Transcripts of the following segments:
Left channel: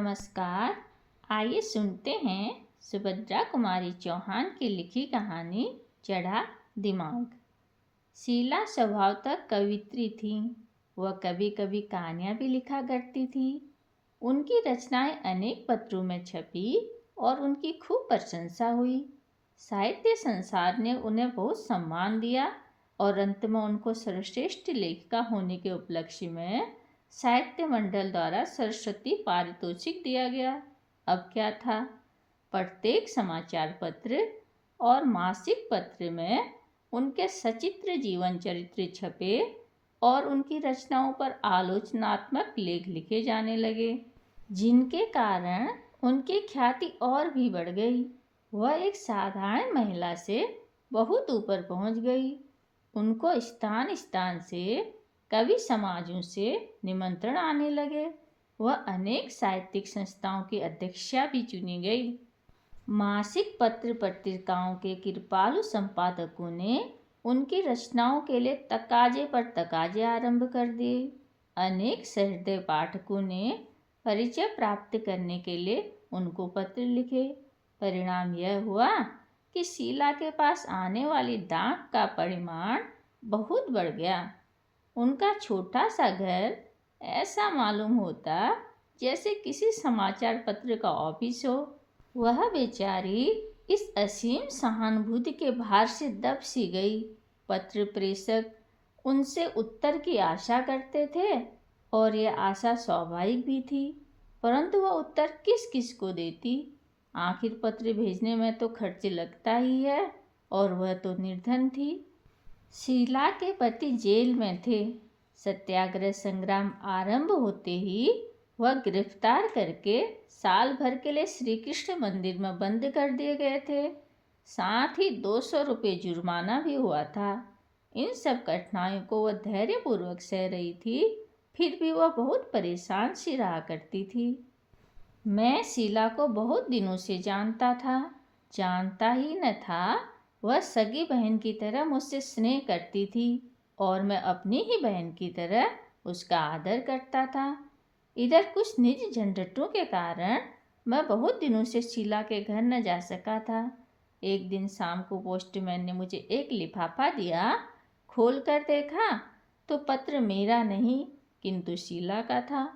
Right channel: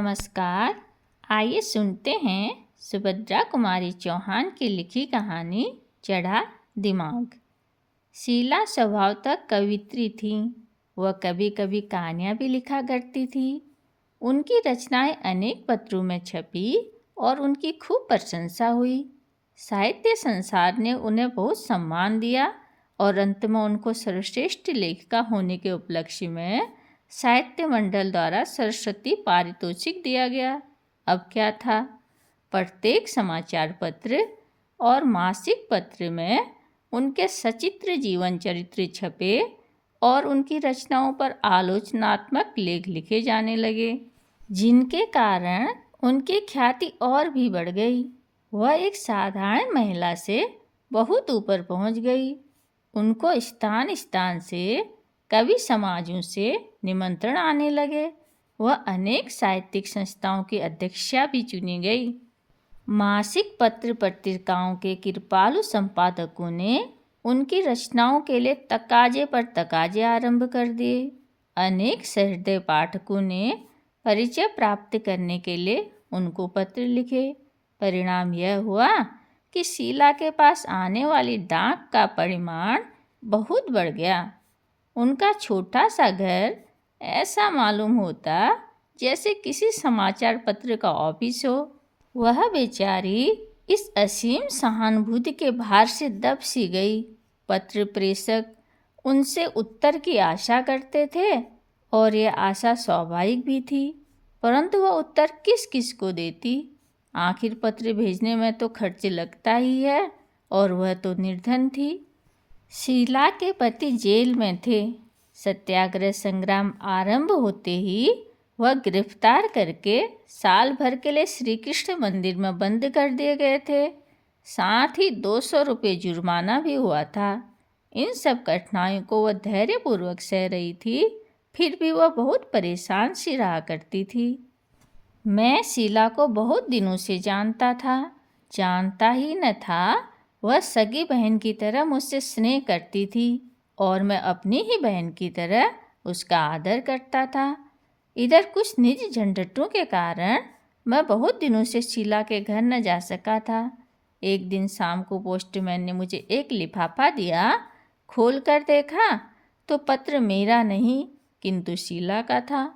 नमस्कार। आइए सुनते हैं सुभद्रा कुमारी चौहान की लिखी कहानी चढ़ा दिमाग। शीला स्वभावतः कवित्री थी। वह कभी कभी कहानियाँ भी लिखा करती थी। उनकी रचनाएं अनेक पत्रों में छपी और उनकी खूब प्रशंसा हुई। साहित्य संसार ने उन्हें बहुत सम्मान दिया और अंत में उनको सर्वश्रेष्ठ लेखिका होने के उपलक्ष्य में साहित्य मंडल द्वारा सरस्वती पारितोषिक दिया गया। अब क्या था, प्रत्येक समाचार पत्र और मासिक पत्र में उनके सचित्र जीवन चरित्र छपे और उनकी रचनाओं पर आलोचनात्मक लेख लिखे जाने लगे, जिनके कारण उनकी ख्याति और भी बढ़ गई। वह एक साधारण महिला से बहुत ऊपर पहुंच गई। उनको स्थान स्थान से कवि समाजों से निमंत्रण आने लगे। वह अनेक साहित्यिक संस्थाओं की अध्यक्षा भी चुनी गई। मासिक पत्र पत्रिकाओं के कृपालु संपादकों ने उनकी रचनाओं के लिए तकाजे पर तकाजे आरंभ कर दिए। अनेक सहृदय पाठकों ने परिचय प्राप्त करने के लिए उनको पत्र लिखे। परिणाम यह हुआ कि शीला के पास आने वाली डाक का परिमाण बहुत बढ़ गया। उनका छोटा सा घर ऐसा मालूम होता जैसे किसी समाचार पत्र का ऑफिस हो। वह बेचारी इस असीम सहानुभूति के भार से दब सी गई। पत्र प्रेषक उनसे उत्तर की आशा करते थे और यह आशा स्वाभाविक भी थी, परंतु वह उत्तर किस किस को देती। आखिर पत्र भेजने में तो खर्च लगता ही है और वह तो निर्धन थी। शीला के पति जेल में थे। सत्याग्रह संग्राम आरंभ होते ही वह गिरफ्तार करके साल भर के लिए श्री कृष्ण मंदिर में बंद कर दिए गए थे। साथ ही 200 रुपये जुर्माना भी हुआ था। इन सब कठिनाइयों को वह धैर्यपूर्वक सह रही थी, फिर भी वह बहुत परेशान सी रहा करती थी। मैं शीला को बहुत दिनों से जानता था। जानता ही न था, वह सगी बहन की तरह मुझसे स्नेह करती थी और मैं अपनी ही बहन की तरह उसका आदर करता था। इधर कुछ निजी झंझटों के कारण मैं बहुत दिनों से शीला के घर न जा सका था। एक दिन शाम को पोस्टमैन ने मुझे एक लिफाफा दिया। खोल कर देखा तो पत्र मेरा नहीं किंतु शीला का था।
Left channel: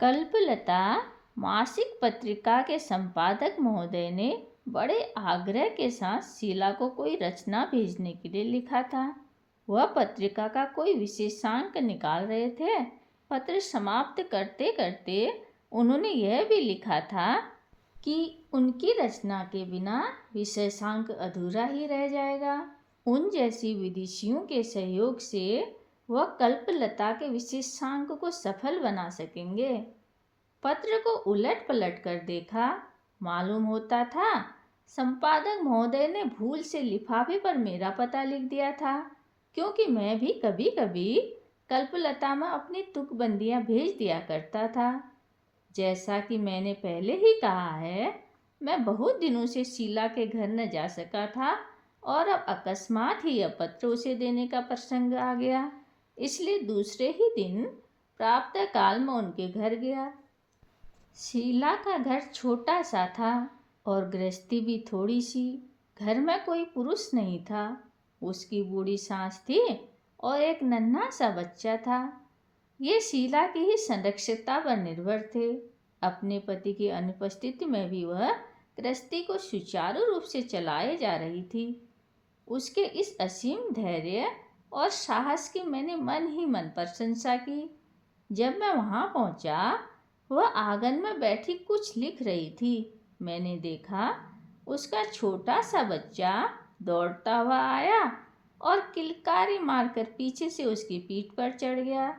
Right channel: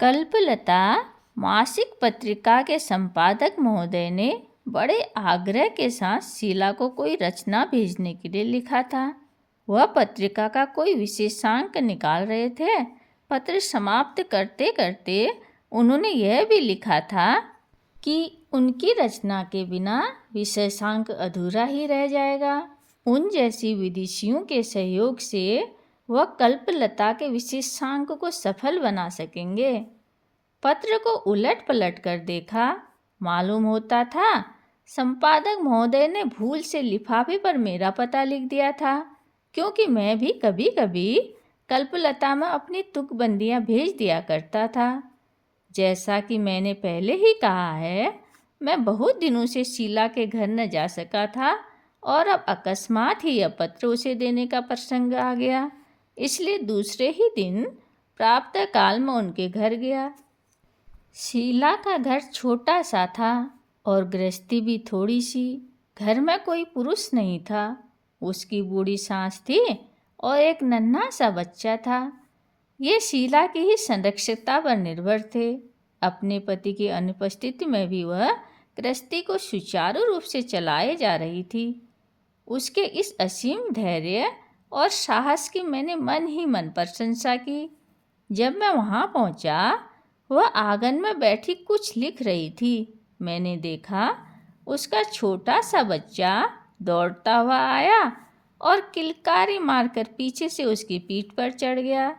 कल्पलता मासिक पत्रिका के संपादक महोदय ने बड़े आग्रह के साथ शीला को कोई रचना भेजने के लिए लिखा था। वह पत्रिका का कोई विशेषांक निकाल रहे थे। पत्र समाप्त करते करते उन्होंने यह भी लिखा था कि उनकी रचना के बिना विशेषांक अधूरा ही रह जाएगा। उन जैसी विदुषियों के सहयोग से वह कल्पलता के विशेषांक को सफल बना सकेंगे। पत्र को उलट पलट कर देखा, मालूम होता था संपादक महोदय ने भूल से लिफाफे पर मेरा पता लिख दिया था, क्योंकि मैं भी कभी कभी कल्पलता में अपनी तुकबंदियाँ भेज दिया करता था। जैसा कि मैंने पहले ही कहा है, मैं बहुत दिनों से शीला के घर न जा सका था और अब अकस्मात ही यह पत्र उसे देने का प्रसंग आ गया, इसलिए दूसरे ही दिन प्रातः काल में उनके घर गया। शीला का घर छोटा सा था और गृहस्थी भी थोड़ी सी। घर में कोई पुरुष नहीं था। उसकी बूढ़ी सास थी और एक नन्हा सा बच्चा था। ये शीला की ही संरक्षकता पर निर्भर थे। अपने पति की अनुपस्थिति में भी वह गृहस्थी को सुचारू रूप से चलाए जा रही थी। उसके इस असीम धैर्य और साहस की मैंने मन ही मन प्रशंसा की। जब मैं वहाँ पहुँचा, वह आंगन में बैठी कुछ लिख रही थी। मैंने देखा उसका छोटा सा बच्चा दौड़ता हुआ आया और किलकारी मारकर पीछे से उसकी पीठ पर चढ़ गया।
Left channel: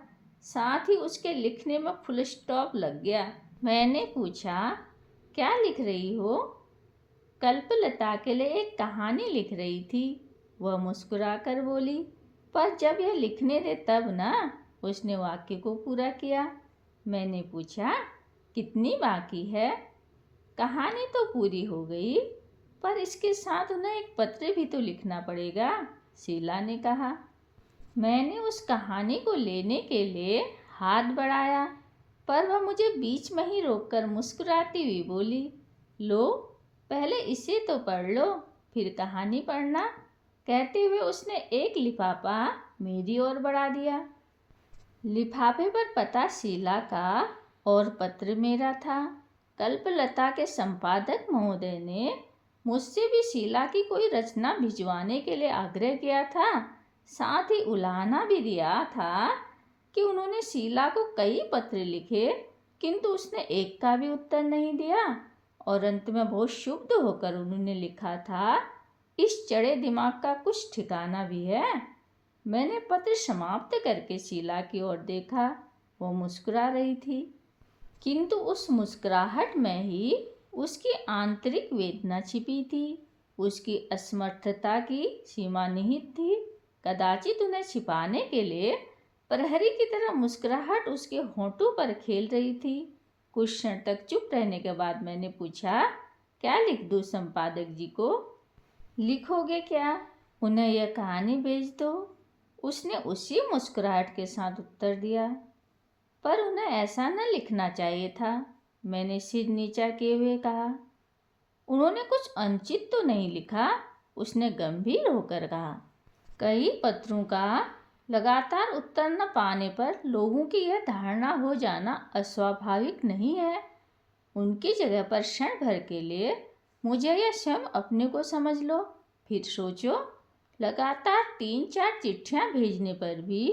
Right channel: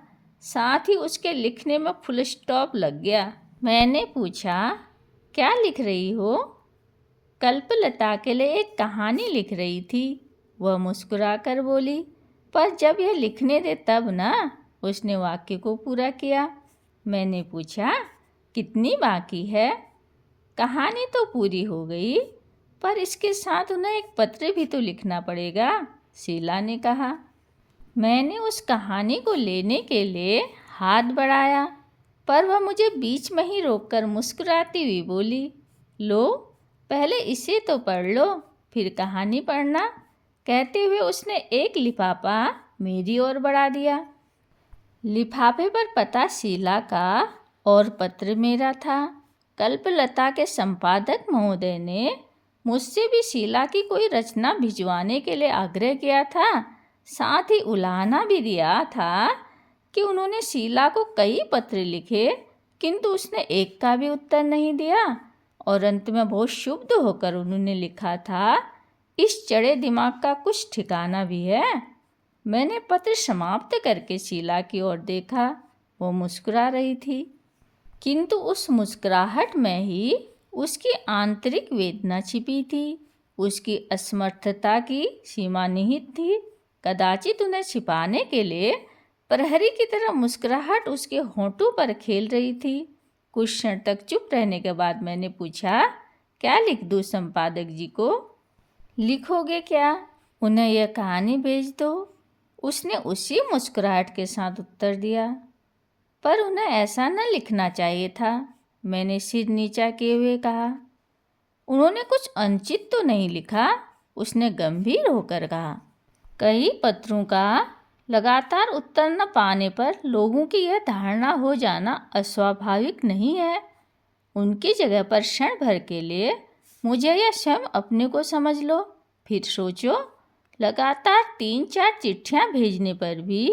साथ ही उसके लिखने में फुल स्टॉप लग गया। मैंने पूछा, क्या लिख रही हो? कल्पलता के लिए एक कहानी लिख रही थी, वह मुस्कुराकर बोली। पर जब यह लिखने दे तब ना। उसने वाक्य को पूरा किया। मैंने पूछा, कितनी बाकी है? कहानी तो पूरी हो गई, पर इसके साथ उन्हें एक पत्र भी तो लिखना पड़ेगा, शीला ने कहा। मैंने उस कहानी को लेने के लिए हाथ बढ़ाया, पर वह मुझे बीच में ही रोककर मुस्कुराती हुई बोली, लो, पहले इसे तो पढ़ लो, फिर कहानी पढ़ना। कहते हुए उसने एक लिफाफा मेरी ओर बढ़ा दिया। लिफाफे पर पता शीला का और पत्र मेरा था। कल्पलता के संपादक महोदय ने मुझसे भी शीला की कोई रचना भिजवाने के लिए आग्रह किया था। साथ ही उलाहना भी दिया था कि उन्होंने शीला को कई पत्र लिखे, किंतु उसने एक का भी उत्तर नहीं दिया। और अंत में बहुत क्षुब्ध होकर उन्होंने लिखा था, इस चढ़े दिमाग का कुछ ठिकाना भी है। मैंने पत्र समाप्त करके शीला की ओर देखा। वो मुस्कुरा रही थी, किंतु उस मुस्कुराहट में ही उसकी आंतरिक वेदना छिपी थी। उसकी असमर्थता की सीमा निहित थी। कदाचित उन्हें छिपाने के लिए प्रहरी की तरह मुस्कुराहट उसके होंठों पर खेल रही थी। कुछ क्षण तक चुप रहने के बाद मैंने पूछा, क्या लिख दूँ संपादक जी को? लिखोगे क्या? उन्हें यह कहानी भेज दो। उसने उसी मुस्कुराहट के साथ उत्तर दिया। पर उन्हें ऐसा न लिखना चाहिए था, मैंने सिर नीचा किए हुए कहा। उन्होंने कुछ अनुचित तो नहीं लिखा, उसने गंभीर होकर कहा। कई पत्रों का लगातार उत्तर न पाने पर लोगों की यह धारणा हो जाना अस्वाभाविक नहीं है। उनकी जगह पर क्षण भर के लिए मुझे या स्वयं अपने को समझ लो, फिर सोचो, लगातार 3-4 चिट्ठियां भेजने पर भी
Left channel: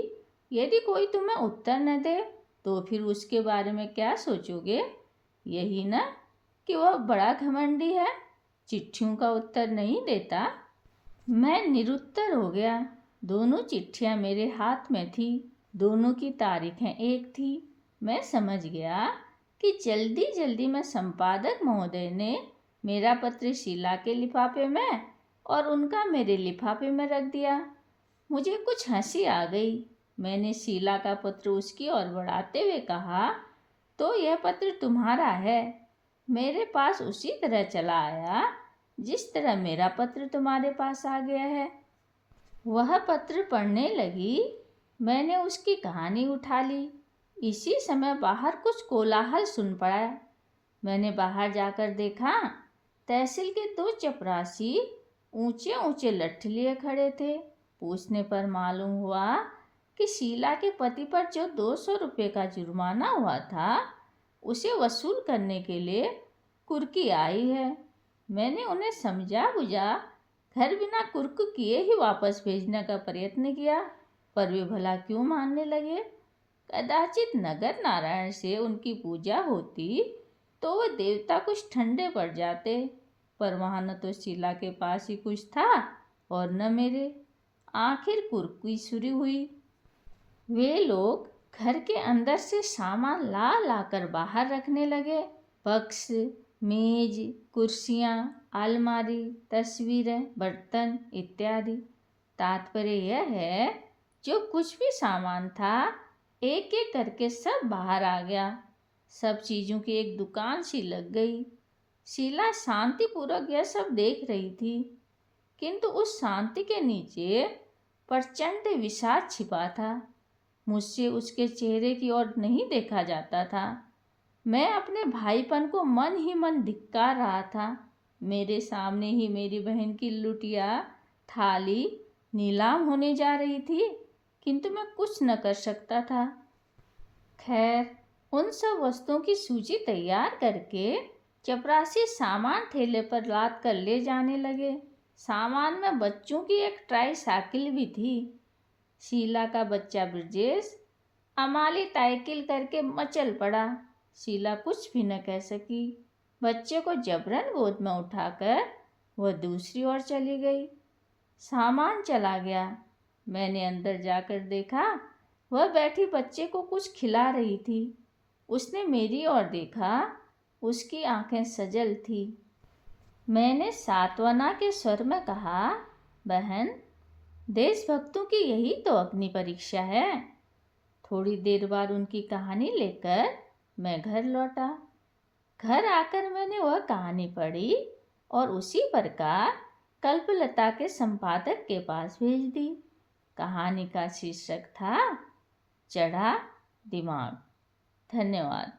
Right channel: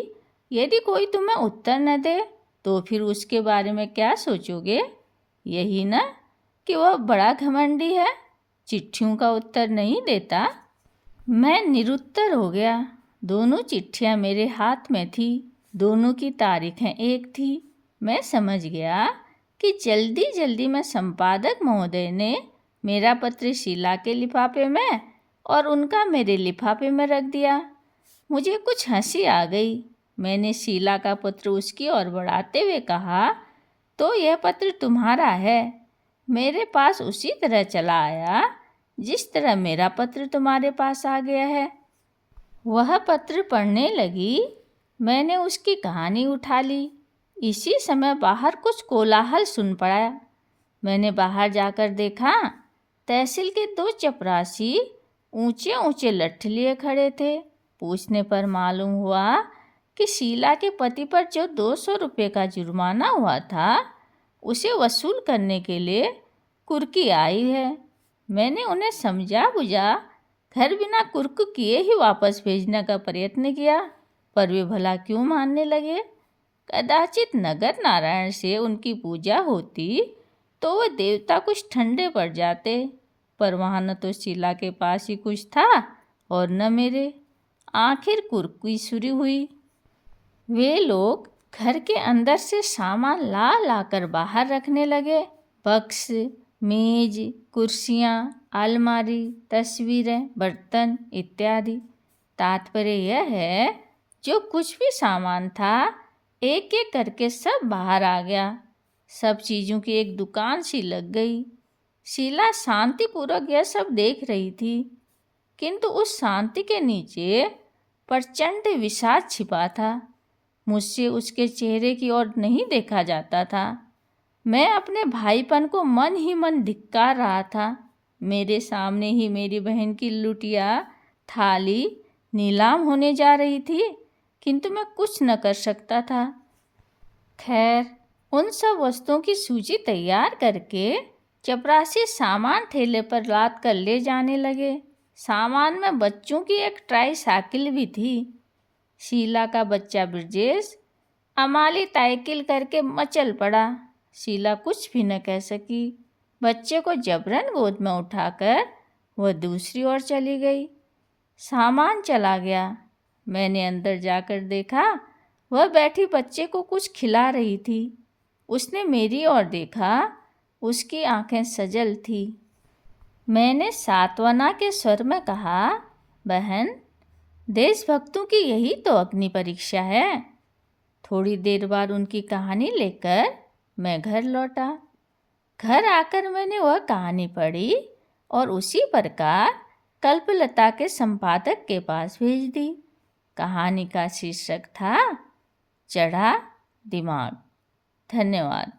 यदि कोई तुम्हें उत्तर न दे तो फिर उसके बारे में क्या सोचोगे? यही ना कि वह बड़ा घमंडी है, चिट्ठियों का उत्तर नहीं देता। मैं निरुत्तर हो गया। दोनों चिट्ठियां मेरे हाथ में थी, दोनों की तारीखें एक थी। मैं समझ गया कि जल्दी जल्दी में संपादक महोदय ने मेरा पत्र शीला के लिफाफे में और उनका मेरे लिफाफे में रख दिया। मुझे कुछ हंसी आ गई। मैंने शीला का पत्र उसकी ओर बढ़ाते हुए कहा, तो यह पत्र तुम्हारा है। मेरे पास उसी तरह चला आया जिस तरह मेरा पत्र तुम्हारे पास आ गया है। वह पत्र पढ़ने लगी। मैंने उसकी कहानी उठा ली। इसी समय बाहर कुछ कोलाहल सुन पड़ा। मैंने बाहर जाकर देखा, तहसील के 2 चपरासी ऊंचे ऊंचे लट्ठ लिए खड़े थे। पूछने पर मालूम हुआ कि शीला के पति पर जो 200 रुपये का जुर्माना हुआ था, उसे वसूल करने के लिए कुर्की आई है। मैंने उन्हें समझा बुझा घर बिना कुर्क किए ही वापस भेजने का प्रयत्न किया, पर वे भला क्यों मानने लगे? कदाचित नगर नारायण से उनकी पूजा होती तो वह देवता कुछ ठंडे पड़ जाते, पर वहाँ न तो शीला के पास ही कुछ था और न मेरे। आखिर कुर्की शुरू हुई। वे लोग घर के अंदर से सामान ला लाकर बाहर रखने लगे। बक्स, मेज, कुर्सियाँ, अलमारी, तस्वीरें, बर्तन इत्यादि। तात्पर्य यह है, जो कुछ भी सामान था एक एक करके सब बाहर आ गया। सब चीज़ों की एक दुकान सी लग गई। शीला शांतिपूर्वक यह सब देख रही थी, किंतु उस शांति के नीचे प्रचंड विषाद छिपा था। मुझसे उसके चेहरे की ओर नहीं देखा जाता था। मैं अपने भाईपन को मन ही मन धिक्कार रहा था। मेरे सामने ही मेरी बहन की लुटिया थाली नीलाम होने जा रही थी, किंतु मैं कुछ न कर सकता था। खैर, उन सब वस्तुओं की सूची तैयार करके चपरासी सामान ठेले पर लाद कर ले जाने लगे। सामान में बच्चों की एक ट्राई साइकिल भी थी। शीला का बच्चा ब्रजेश अमाली ताइकिल करके मचल पड़ा। शीला कुछ भी न कह सकी। बच्चे को जबरन गोद में उठाकर वह दूसरी ओर चली गई। सामान चला गया। मैंने अंदर जाकर देखा, वह बैठी बच्चे को कुछ खिला रही थी। उसने मेरी ओर देखा, उसकी आंखें सजल थी। मैंने सांत्वना के स्वर में कहा, बहन, देशभक्तों की यही तो अग्नि परीक्षा है। थोड़ी देर बाद उनकी कहानी लेकर मैं घर लौटा। घर आकर मैंने वह कहानी पढ़ी और उसी प्रकार कल्पलता के संपादक के पास भेज दी। कहानी का शीर्षक था चढ़ा दिमाग। धन्यवाद।